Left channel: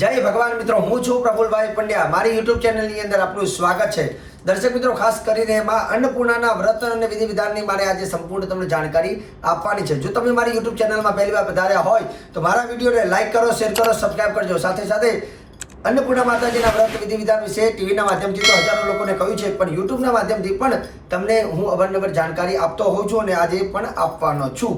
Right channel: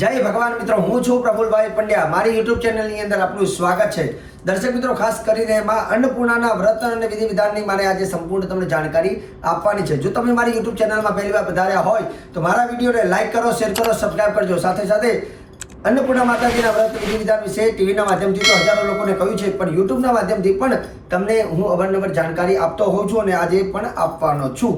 જય ભગવાન મિત્રો, હું છું પ્રફુલભાઈ પંડ્યા. મારી યુટ્યુબ ચેનલની અંદર આપનું સ્વાગત છે. દર્શક મિત્રો, ખાસ કરીને માં અન્નપૂર્ણાના વ્રત અને વિધિ વિધાનની મારે આજે સંપૂર્ણ તમને જાણકારી આપવાની છે. જો તમે મારી યુટ્યુબ ચેનલમાં પહેલી વાર પધાર્યા હોય, તો મારા વિડીયોને લાઇક કરો શેર કરો સબસ્ક્રાઈબ કરજો. સાથે સાથે અન્નપૂર્ણા માતાજીના વ્રત વિધિ વિધાન વિશે ટીવીના માધ્યમથી તો હજારો લોકોને કહ્યું છે, પણ યુટ્યુબના માધ્યમથી પણ તમને હું અવરનવર જાણકારી આપતો હોઉં છું અને આજે પણ આપવાનો છું.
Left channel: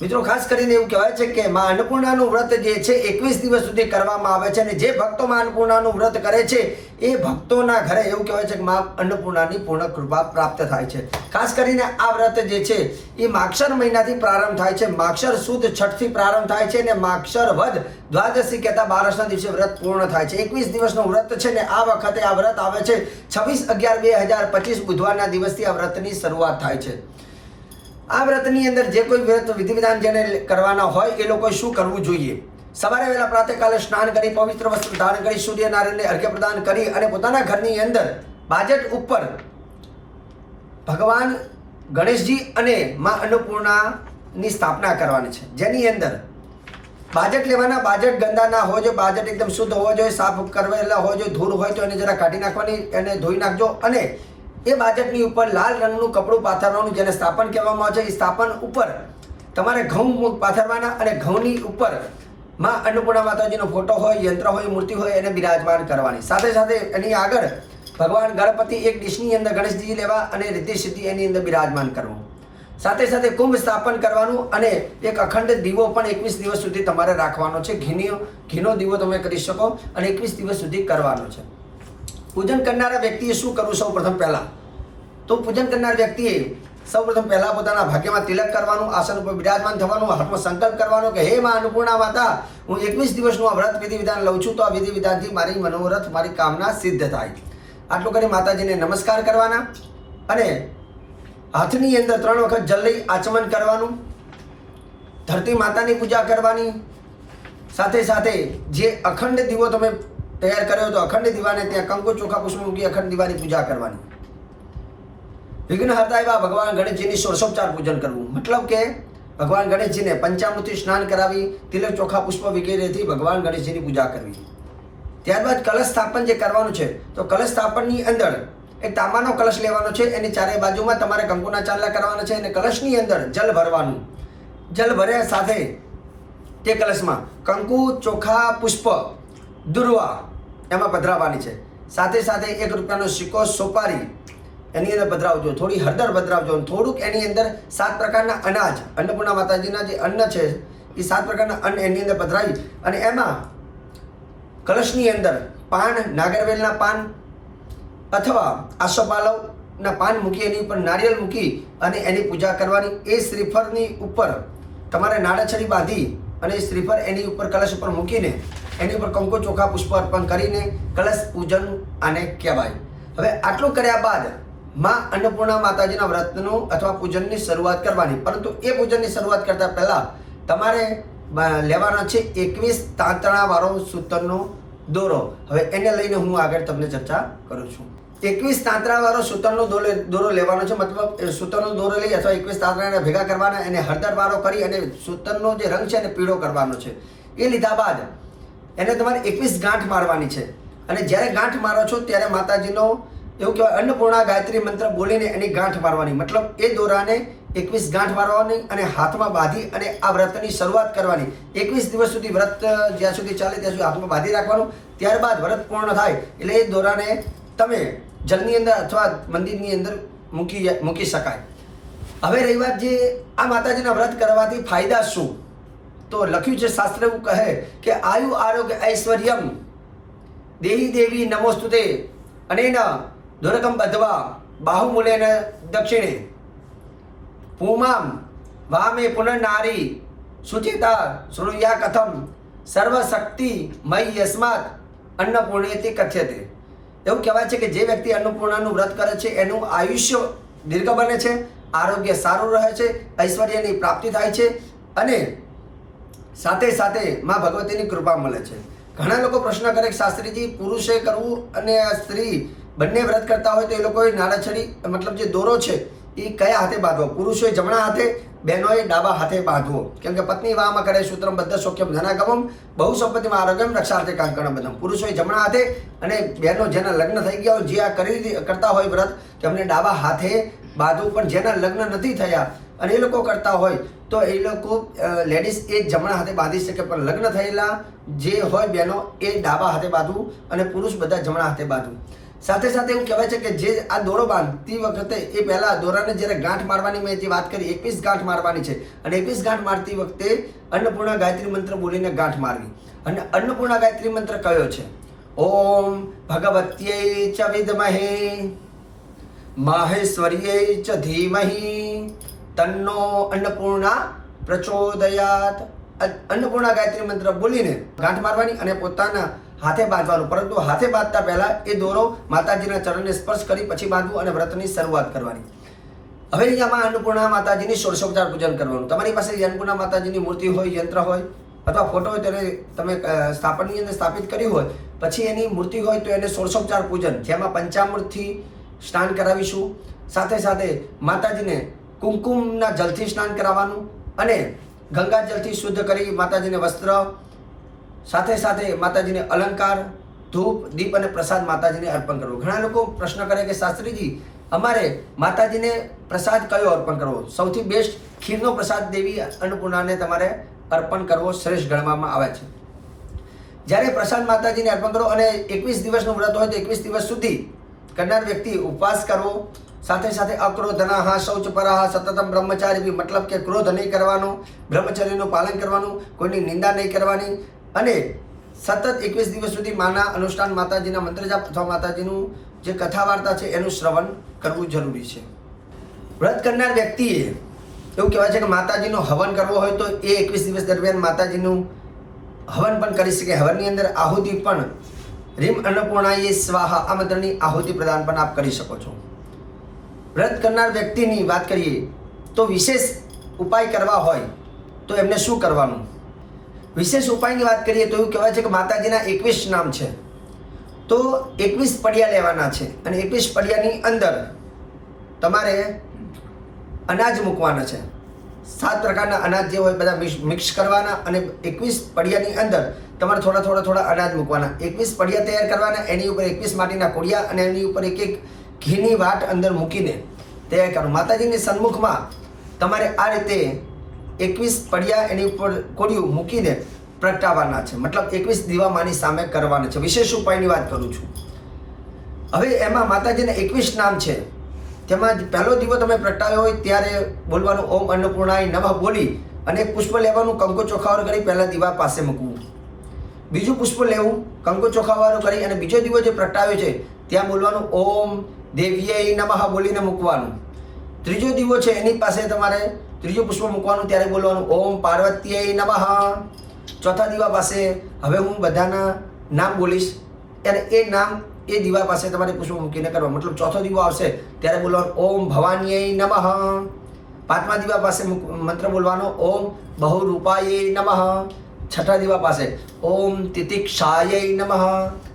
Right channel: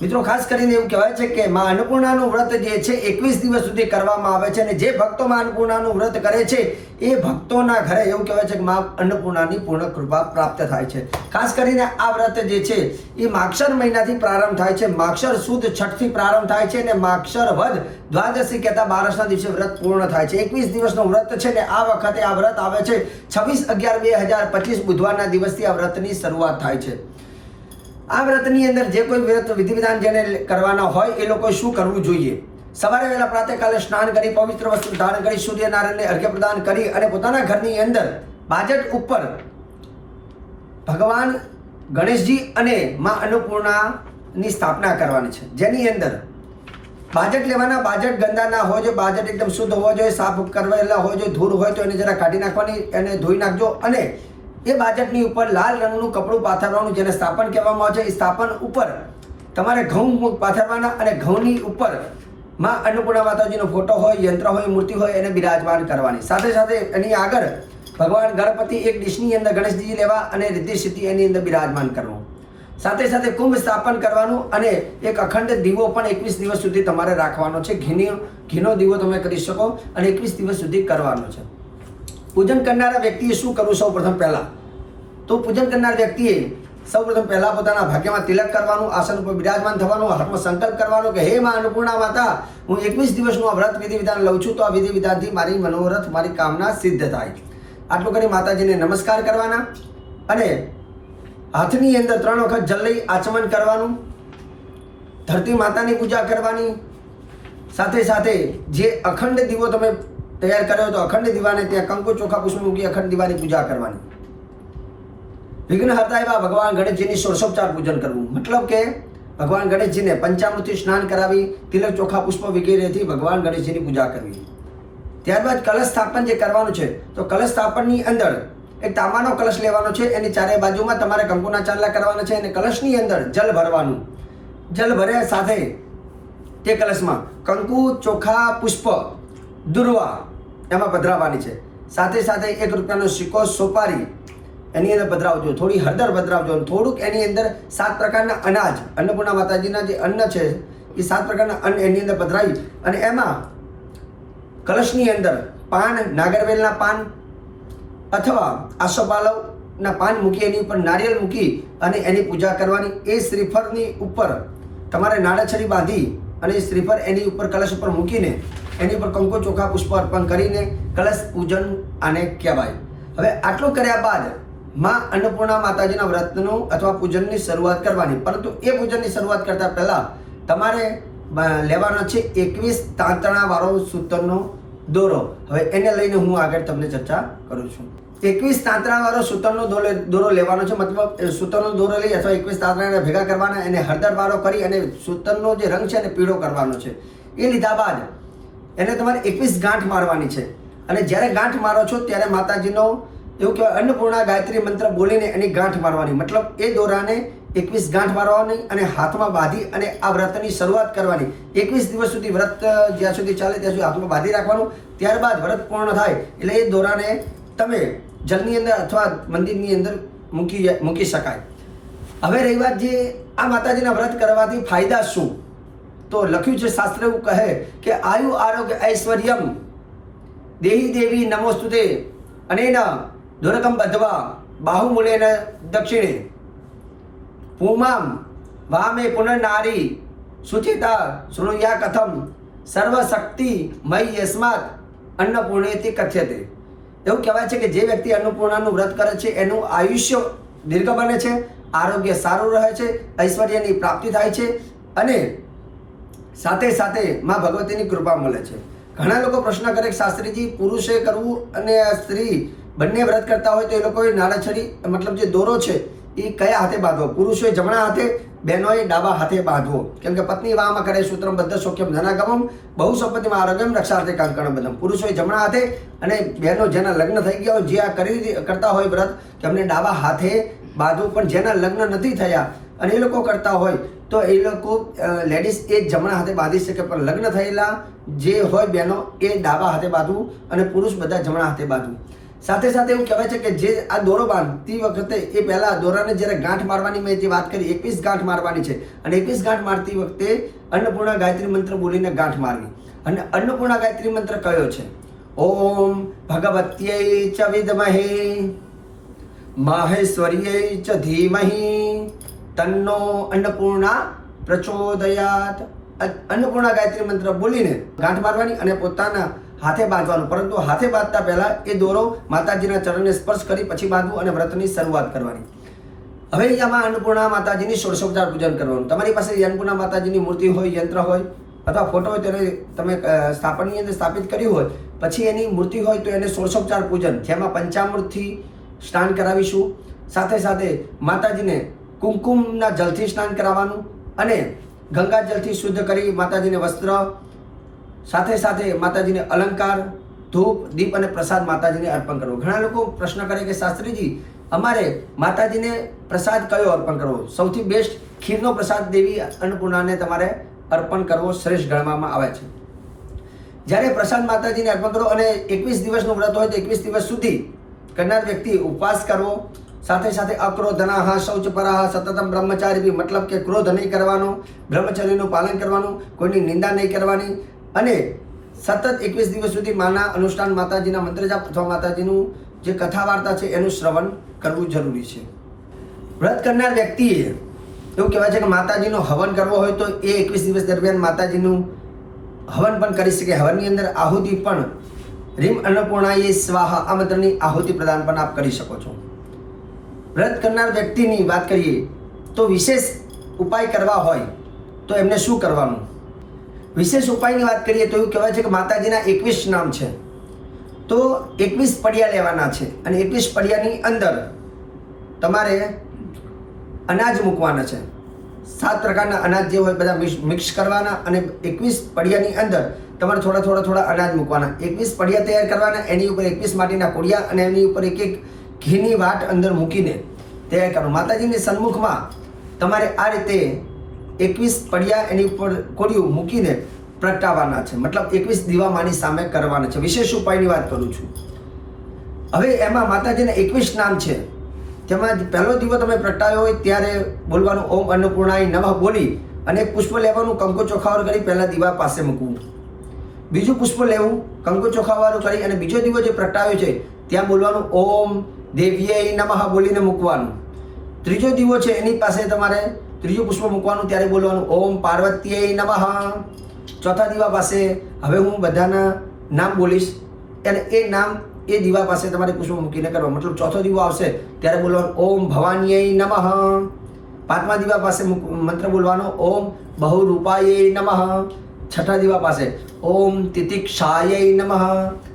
મિત્રો, ખાસ કરીને એવું કહેવાય છે કે માં અન્નપૂર્ણાનું વ્રત જે છે, એકવીસ દિવસ સુધી કરવામાં આવે છે અને જે ભક્તો માં અન્નપૂર્ણાનું વ્રત કરે છે, એ ભક્તોના ઘરે એવું કહેવાય છે કે માં અન્નપૂર્ણાની પૂર્ણ કૃપા પ્રાપ્ત થાય છે. ખાસ કરીને આ વ્રત જે છે, એ માક્ષર મહિનાથી પ્રારંભ થાય છે. માક્ષર સુદ છઠથી પ્રારંભ થાય છે અને માક્ષર વધ દ્વાદશી કહેતા બારસના દિવસે વ્રત પૂર્ણ થાય છે. એકવીસ દિવસનું વ્રત છે ને આ વખતે આ વ્રત આવે છે. છવ્વીસ અગિયાર બે હજાર પચીસ બુધવારના દિવસથી આ વ્રતની શરૂઆત થાય છે. આ વ્રતની અંદર જે કોઈ વ્રત વિધિ વિધાન જેને કરવાના હોય એ લોકોએ શું કરવું જોઈએ? સવારે વહેલા પ્રાતઃકાલે સ્નાન કરી, પવિત્ર વસ્ત્ર ધારણ કરી, સૂર્યનારાયણને અર્ઘ્ય પ્રદાન કરી અને પોતાના ઘરની અંદર બાજટ ઉપર ભગવાન ગણેશજી અને માં અન્નપૂર્ણાની સ્થાપના કરવાની છે. જેની અંદર બાજટ લેવાના, બાજટ ગંદા ના હોય જોઈએ, બાજટ એકદમ શુદ્ધ હોવો જોઈએ, સાફ કરવેલા હોય જોઈએ, ધૂળ હોય તો એને જરા કાઢી નાખવાની, એને ધોઈ નાખજો અને એ બાજટની ઉપર લાલ રંગનું કપડું પાથરવાનું જેને સ્થાપન કહેવામાં આવે છે, એ સ્થાપન ઉપર તમારે ઘઉં પાથરવાના અને ઘઉંની ઉપરમાં અન્નપૂર્ણા માતાજીનો ફોટો હોય, યંત્ર હોય, મૂર્તિ હોય, એને બિરાજમાન કરવાની. સાથે સાથે એની આગળ ભગવાન ગણપતિ એક ડીશની અંદર ગણેશજી લેવા અને રિદ્ધિ સિદ્ધિ એની અંદર બિરાજમાન કરવું. સાથે સાથે કુંભ સ્થાપન કરવાનું અને એક અખંડ દીવો પણ એકવીસ દિવસ સુધી તમારે રાખવાનો છે. ઘીની ઘીનો દીવો તમે કરી શકો અને એકવીસ દિવસ સુધી કરવાનો છે. પૂજન કરનારા વ્યક્તિએ શું કરવું? સૌ પ્રથમ પહેલાં તો પૂજન કરનાર વ્યક્તિએ સૌપ્રથમ પહેલા પોતાના ભાગ્યમાં તિલક કરવાનું, આસન ઉપર બિરાજમાન થવાનું, હાથમાં સંકલ્પ કરવાનો કે, હે માં અન્નપૂર્ણા માતા, હું એકવીસ દિવસનું આ વ્રત વિધિ વિધાન લઉં છું, તો આ વિધિ વિધાનથી મારી મનોરથ, મારી કામના સિદ્ધ થાય. આટલું કરી માતાજીને નમસ્કાર કરવાના અને હાથની અંદર ત્રણ વખત જલ લઈ આચમન કરવાનું, ધરતી માતાની પૂજા કરવાની, સાથે સાથે જે અખંડ દીવો તમે તૈયાર કર્યો તો અખંડ દીવાને ત્યાં કંકુ ચોખા પુષ્પ મૂકી અખંડ દીવાની પૂજા કરવાની. વિઘ્નહર્તા એવા ભગવાન ગણેશજીની ષોડશોપચાર પૂજન કરવું. મતલબ કે ભગવાન ગણેશજીને પંચામૃતથી સ્નાન કરાવી, તિલક ચોખા, પુષ્પ વગેરેથી ભગવાન ગણેશજીની પૂજા કરવી. ત્યારબાદ કલશ સ્થાપન જે કરવાનું છે, તો કલશ સ્થાપનની અંદર એક તાંબાનો કલશ લેવાનો છે, એની ચારે બાજુમાં તમારે કંકુના ચાંદલા કરવાના છે અને કલશની અંદર જલ ભરવાનું. જલ ભર્યા સાથે તે કલશમાં કંકુ, ચોખા, પુષ્પ, દુર્વા એમાં પધરાવવાની છે. સાથે સાથે એક રૂપિયાનો સિક્કો, સોપારી એની અંદર પધરાવજો થોડી હળદર પધરાવજો થોડુંક એની અંદર સાત પ્રકારના અનાજ, અન્નપૂર્ણા માતાજીના જે અન્ન છે, એ સાત પ્રકારના અન્ન એની અંદર પધરાવી અને એમાં કલશની અંદર પાન, નાગરવેલના પાન અથવા આસોપાલવના પાન મૂકી, એની ઉપર નારિયેળ મૂકી અને એની પૂજા કરવાની. એ શ્રીફળની ઉપર તમારે નાળાછડી બાંધી અને શ્રીફળ એની ઉપર કલશ ઉપર મૂકીને એની ઉપર કંકો ચોખા પુષ્પ અર્પણ કરીને કલશ પૂજન આને કહેવાય. હવે આટલું કર્યા બાદ માં અન્નપૂર્ણા માતાજીના વ્રતનું અથવા પૂજનની શરૂઆત કરવાની. પરંતુ એ પૂજનની શરૂઆત કરતા પહેલા તમારે લેવાનો છે એકવીસ તાંતણાવાળો સૂતરનો દોરો. હવે એને લઈને હું આગળ તમને ચર્ચા કરું છું. એકવીસ તાંતણાવાળો સૂતરનો દોરો લેવાનો છે. મતલબ સૂતરનો દોરો લઈ અથવા એકવીસ તાંતણાને ભેગા કરવાના એને હળદરવાળો કરી અને સૂતરનો જે રંગ છે એને પીળો કરવાનો છે. એ લીધા બાદ એને તમારે એકવીસ ગાંઠ મારવાની છે. અને જ્યારે ગાંઠ મારો છો, ત્યારે માતાજીનો એવું કહેવાય, અન્નપૂર્ણા ગાયત્રી મંત્ર બોલીને એની ગાંઠ મારવાની. મતલબ એ દોરાને એકવીસ ગાંઠ મારવાની અને હાથમાં બાંધી અને આ વ્રતની શરૂઆત કરવાની. એકવીસ દિવસ સુધી વ્રત જ્યાં સુધી ચાલે ત્યાં સુધી હાથમાં બાંધી રાખવાનું. ત્યારબાદ વ્રત પૂર્ણ થાય એટલે એ દોરાને તમે જલની અંદર અથવા મંદિરની અંદર મૂકી મૂકી શકાય. હવે રહી વાત જે આ માતાજીના વ્રત કરવાથી ફાયદા શું? તો લખ્યું છે શાસ્ત્ર એવું કહે કે આયુ આરોગ્ય ઐશ્વર્યમ. દેહી દેવી નમોસ્તુતે. અનેન દુર્ગમ બધવા બાહુમૂલેન દક્ષિણે. પૂમામ, વામે પુનર્નારી, સુચિતા, શૃણુયા કથમ, સર્વશક્તિ મય યસ્માત, અન્નપૂર્ણેતિ કથ્યતે. એવું કહેવાય છે કે જે વ્યક્તિ અન્નપૂર્ણાનું વ્રત કરે છે, એનું આયુષ્ય દીર્ઘ બને છે, આરોગ્ય સારું રહે છે, ઐશ્વર્યની પ્રાપ્તિ થાય છે, અને સાથે સાથે માં ભગવતીની કૃપા મળે છે. ઘણા લોકો પ્રશ્ન કરે શાસ્ત્રીજી, પુરુષે કરવું અને સ્ત્રી બંને વ્રત કરતા હોય તો એ લોકોએ નાળાછડી મતલબ જે દોરો છે, એ કયા હાથે બાંધવો? પુરુષોએ જમણા હાથે, બહેનોએ ડાબા હાથે બાંધવો. કેમ કે પત્ની વાહમાં કરે, સૂત્રમ બદ્ધ શોક્યમ ધનાગમમ, બહુ સંપત્તિમાં આરોગ્યમ રક્ષાર્થે કાંકણ બધમ પુરુષોએ જમણા હાથે અને બહેનો જેના લગ્ન થઈ ગયા હોય, જે આ કરી કરતા હોય વ્રત, તેમને ડાબા હાથે બાંધવું. પણ જેના લગ્ન નથી થયા અને એ લોકો કરતા હોય, તો એ લોકો લેડીઝ એ જમણા હાથે બાંધી શકે. પણ લગ્ન થયેલા જે હોય બહેનો, એ ડાબા હાથે બાંધવું અને પુરુષ બધા જમણા હાથે બાંધવું. સાથે સાથે એવું કહેવાય છે કે જે આ દોરો બાંધતી વખતે એ પહેલાં દોરાને જ્યારે ગાંઠ મારવાની મેં જે વાત કરી, એકવીસ ગાંઠ મારવાની છે. અને એકવીસ ગાંઠ મારતી વખતે અન્નપૂર્ણા ગાયત્રી મંત્ર બોલીને ગાંઠ મારવી. અને અન્નપૂર્ણા ગાયત્રી મંત્ર કયો છે? ઓમ ભગવત્યై ચ વિદમહે માહેશ્વર્યై ચ ધીમહિ, તન્નો અન્નપૂર્ણા પ્રચોદયાત. અન્નપૂર્ણા ગાયત્રી મંત્ર બોલીને ગાંઠ મારવાની અને પોતાના હાથે બાંધવાનું. પરંતુ હાથે બાંધતા પહેલા એ દોરો માતાજીના ચરણને સ્પર્શ કરી પછી બાંધવું અને વ્રતની શરૂઆત કરવાની. હવે અહીંયામાં અન્નપૂર્ણા માતાજીની ષોડશોપચાર પૂજન કરવાનું. તમારી પાસે અન્નપૂર્ણા માતાજીની મૂર્તિ હોય, યંત્ર હોય, અથવા ફોટો હોય તેને તમે સ્થાપનની અંદર સ્થાપિત કર્યું હોય, પછી એની મૂર્તિ હોય તો એને ષોડશોપચાર પૂજન. જેમાં પંચામૃતથી સ્નાન કરાવીશું. સાથે સાથે માતાજીને કુમકુમના જલથી સ્નાન કરાવવાનું અને ગંગા જલથી શુદ્ધ કરી માતાજીને વસ્ત્ર સાથે સાથે માતાજીને અલંકાર, ધૂપ, દીપ અને પ્રસાદ માતાજીને અર્પણ કરવો. ઘણા લોકો પ્રશ્ન કરે કે, શાસ્ત્રીજી, અમારે માતાજીને પ્રસાદ કયો અર્પણ કરવો? સૌથી બેસ્ટ ખીરનો પ્રસાદ દેવી અન્નપૂર્ણાને તમારે અર્પણ કરવો શ્રેષ્ઠ ગણવામાં આવે છે. જ્યારે પ્રસાદ માતાજીને અર્પણ કરો અને એકવીસ દિવસનું વ્રત હોય તો એકવીસ દિવસ સુધી કરનાર વ્યક્તિ ઉપવાસ કરવો. સાથે સાથે અક્રોધનાહ શૌચ પરાહ સતતમ બ્રહ્મચારી મતલબ કે ક્રોધ નહીં કરવાનો, બ્રહ્મચર્યનું પાલન કરવાનું, કોઈની નિંદા નહીં કરવાની અને સતત એકવીસ દિવસ સુધી માના અનુષ્ઠાન માતાજીના મંત્ર જાપ અથવા માતાજીનું જે કથા વાર્તા છે એનું શ્રવણ કરવું જરૂરી છે. વ્રત કરનાર વ્યક્તિએ એવું કહેવાય છે કે માતાજીનો હવન કરવો હોય તો એ એકવીસ દિવસ દરમિયાન માતાજીનું હવન પણ કરી શકે. હવનની અંદર આહુતિ પણ રીમ અન્નપૂર્ણાએ સ્વાહા આ મંત્રની આહુતિ પ્રદાન પણ આપ કરી શકો છો. વ્રત કરનાર વ્યક્તિની વાત કરીએ તો વિશેષ ઉપાય કરવા હોય તો એમને શું કરવાનું? વિશેષ ઉપાયની વાત કરીએ તો એવું કહેવાય છે કે માતાજીના એકવીસ નામ છે. તો એકવીસ પડિયા લેવાના છે અને એકવીસ પડિયાની અંદર તમારે અનાજ મૂકવાના છે. સાત પ્રકારના અનાજ જે હોય બધા મિક્સ- કરવાના અને એકવીસ પડિયાની અંદર તમારે થોડા થોડા થોડા અનાજ મૂકવાના. એકવીસ પડિયા તૈયાર કરવાના, એની ઉપર એકવીસ માટીના કોડિયા અને એની ઉપર એક એક ઘીની વાટ અંદર મૂકીને તૈયાર કરવું માતાજીની સન્મુખમાં તમારે આ રીતે એકવીસ પડિયા એની ઉપર કોડિયું મૂકીને પ્રગટાવવાના છે. મતલબ એકવીસ દીવા માની સામે કરવાના છે. વિશેષ ઉપાયની વાત કરું છું. હવે એમાં માતાજીના એકવીસ નામ છે. તેમાં પહેલો દીવો તમે પ્રગટાવ્યો હોય ત્યારે બોલવાનું ઓમ અન્નપૂર્ણાય નમઃ બોલી અને પુષ્પ લેવાનું કંકુ ચોખાવાળું કરી પહેલાં દીવા પાસે મૂકવું. બીજું પુષ્પ લેવું, કંકુ ચોખાવાળું કરી અને બીજો દીવો જે પ્રગટાવ્યો છે, ત્યાં બોલવાનું ઓમ દેવ્યય નમઃ બોલીને મૂકવાનું. ત્રીજો દીવો છે એની પાસે તમારે ત્રીજું પુષ્પ મૂકવાનું ત્યારે બોલવાનું, ઓમ પાર્વતીય નમઃ. ચોથા દીવા પાસે હવે હું બધાના નામ બોલીશ અને એ નામ એ દીવા પાસે તમારે પુષ્પ મૂકીને કરવા. મતલબ ચોથો દીવો આવશે ત્યારે બોલવાનું, ઓમ ભવાનીય નમઃ. પાંચમા દીવા પાસે મંત્ર બોલવાનો, ઓમ બહુરૂપાય નમઃ. છઠ્ઠા દીવા પાસે, ઓમ તિતિક્ષાય નમઃ.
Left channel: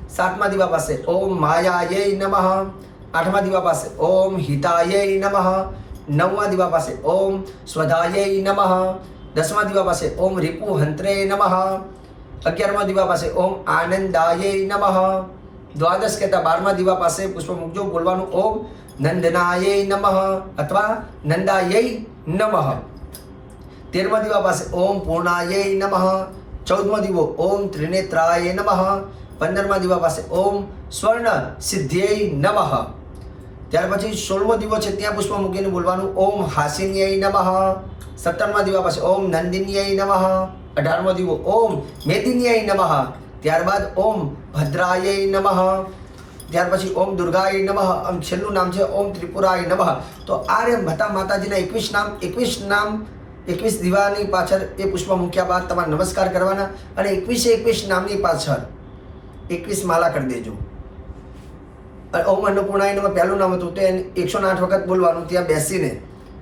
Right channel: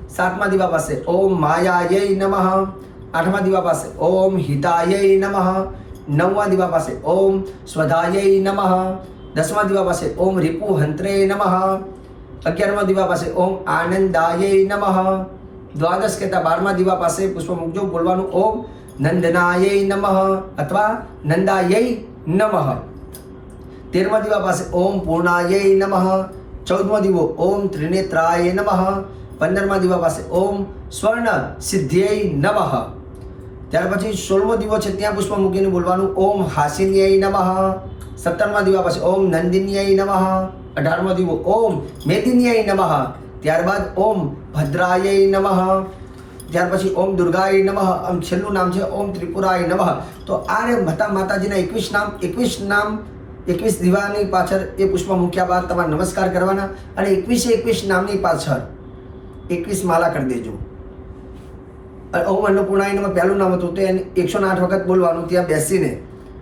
સાતમા દીવા પાસે, ઓમ માયાય નમઃ. આઠમા દીવા પાસે, ઓમ હિતાય નમઃ. નવમા દીવા પાસે ઓમ સ્વધાય નમઃ. દસમા દીવા પાસે ઓમ રિપુ હંત્રે નમઃ. અગિયારમા દીવા પાસે ઓમ આનંદાય નમઃ. દ્વાદશ કહેતા બારમા દીવા પાસે પુષ્પ મૂકજો બોલવાનું ઓમ નંદનાય નમઃ અથવા નંદાય નમઃ. તેરમા દીવા પાસે ઓમ પૂર્ણાય નમઃ. ચૌદમો દીવો ઓમ ત્રિનેત્રાય નમઃ. પંદરમા દીવા પાસે ઓમ સ્વર્ણ સિદ્ધ્યય નમઃ. ત્યાર પછી સોળમો દીવો છે, ત્યાં પુષ્પ મૂકીને બોલવાનું, ઓમ હાસિન્યાય નમઃ. સત્તરમા દીવા પાસે ઓમ નંદિન્યાય નમઃ. અઢારમો દીવો, ઓમ મેદિન્યાય નમઃ. ત્યારબાદ ઓમ ભદ્રાય નમઃ. ત્યાર પછી ઓમ દુર્ગાય નમઃ. આમ છેલ્લું નામ છે, ઓમ ત્રિપુરાય નમઃ. તો આ રે માતા માતાજીના એકવીસ નામ એકવીસ નામ, એકવીસ દીવાની પાછળ એ પુષ્પ મૂક્યા બાદ તમારે નમસ્કાર કરવાના અને એકવીસે એકવીસ નામની પાછળ એકવીસ માલા કરી દેજો. ઓમ અન્નપૂર્ણાય એનામાં પહેલું નામ હતું તે એકસો આઠ વખત બોલવાનું ત્યાં બેસીને.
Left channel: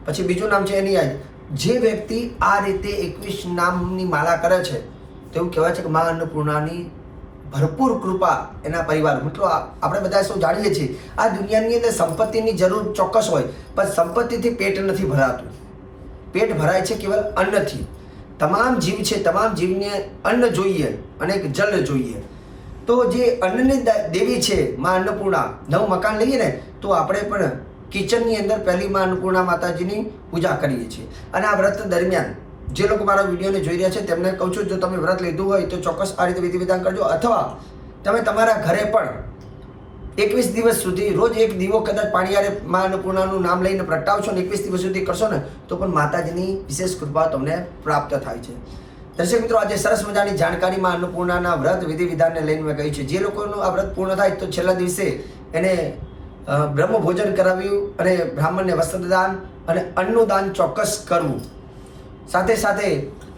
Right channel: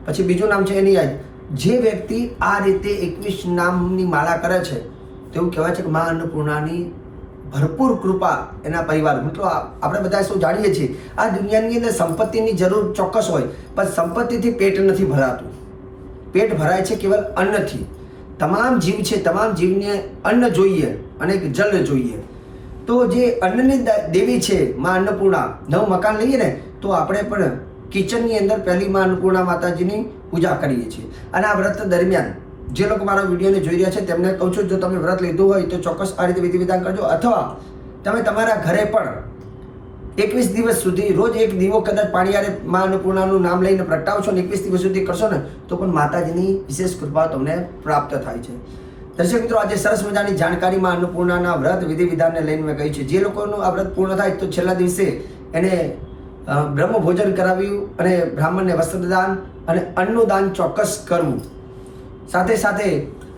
પછી બીજું નામ છે એની યાદ. જે વ્યક્તિ આ રીતે એકવીસ નામની માળા કરે છે તેવું કહેવાય છે કે મા અન્નપૂર્ણાની ભરપૂર કૃપા એના પરિવાર. મિત્રો આપણે બધા શું જાણીએ છીએ, આ દુનિયાની અંદર સંપત્તિની જરૂર ચોક્કસ હોય, પણ સંપત્તિથી પેટ નથી ભરાતું. પેટ ભરાય છે કેવલ અન્નથી. તમામ જીવ છે, તમામ જીવને અન્ન જોઈએ, અને એક જલ જોઈએ. તો જે અન્નની દેવી છે, માં અન્નપૂર્ણા, નવ મકાન લઈએ ને, તો આપણે પણ કિચનની અંદર પહેલી માં અન્નપૂર્ણા માતાજીની પૂજા કરીએ છીએ. અને આ વ્રત દરમિયાન જે લોકો મારા વિડીયોને જોઈ રહ્યા છે, તેમને કહું છું, જો તમે વ્રત લીધું હોય તો ચોક્કસ આ રીતે વિધિ વિધાન કરજો. અથવા તમે તમારા ઘરે પણ એકવીસ દિવસ સુધી રોજ એક દીવો કદાચ પાણીયારે મા અન્નપૂર્ણાનું નામ લઈને પ્રગટાવશો ને એકવીસ દિવસ સુધી કરશો ને, તો પણ માતાજીની વિશેષ કૃપા તમને પ્રાપ્ત થાય છે. દર્શક મિત્રો, આજે સરસ મજાની જાણકારીમાં અન્નપૂર્ણાના વ્રત વિધિ વિધાનને લઈને મેં કહ્યું છે. જે લોકોનું આ વ્રત પૂર્ણ થાય તો છેલ્લા દિવસે એને બ્રહ્મ ભોજન કરાવ્યું અને બ્રાહ્મણને વસ્ત્રદાન અને અન્નનું દાન ચોક્કસ કરવું. સાથે સાથે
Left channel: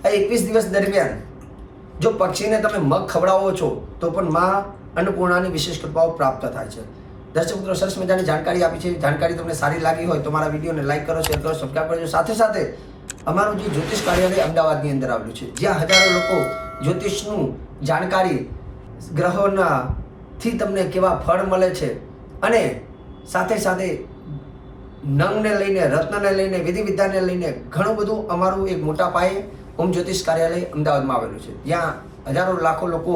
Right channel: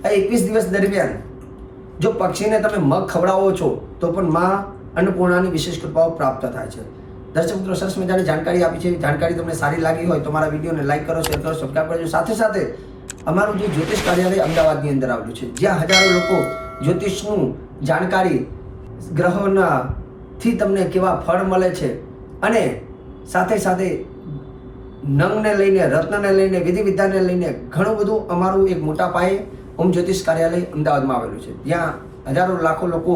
આ એકવીસ દિવસ દરમિયાન જો પક્ષીને તમે મગ ખવડાવો છો, તો પણ માં અન્નપૂર્ણાની વિશેષ કૃપાઓ પ્રાપ્ત થાય છે. દર્શક મિત્રો, સરસ મજાની જાણકારી આપી છે. જાણકારી તમને સારી લાગી હોય તો મારા વિડીયોને લાઈક કરો શેર કરો સબસ્ક્રાઈબ કરજો. સાથે સાથે અમારું જે જ્યોતિષ કાર્યાલય અમદાવાદની અંદર આવેલું છે, જ્યાં હજારો લોકો જ્યોતિષનું જાણકારી ગ્રહોના થી તમને કેવા ફળ મળે છે અને સાથે સાથે નંગને લઈને, રત્નને લઈને વિધિ વિધાનને લઈને ઘણું બધું અમારું એક મોટા પાયે ઓમ જ્યોતિષ કાર્યાલય અમદાવાદમાં આવેલું છે. જ્યાં હજારો લાખો લોકો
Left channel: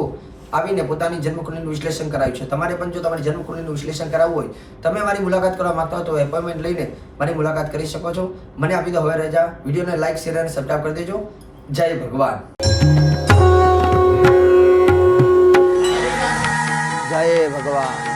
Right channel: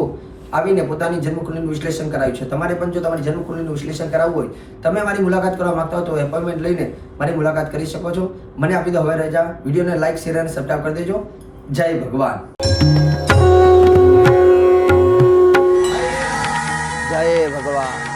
આવીને પોતાની જન્મકુંડલીનું વિશ્લેષણ કરાવ્યું છે. તમારે પણ જો તમારી જન્મકુંડલીનું વિશ્લેષણ કરાવવું હોય, તમે મારી મુલાકાત કરવા માંગતા હો તો એપોઇન્ટમેન્ટ લઈને મારી મુલાકાત કરી શકો છો. મને આપી દો હવે રજા. વિડીયોને લાઈક શેર અને સબસ્ક્રાઈબ કરી દેજો. જય ભગવાન. જય ભગવાન.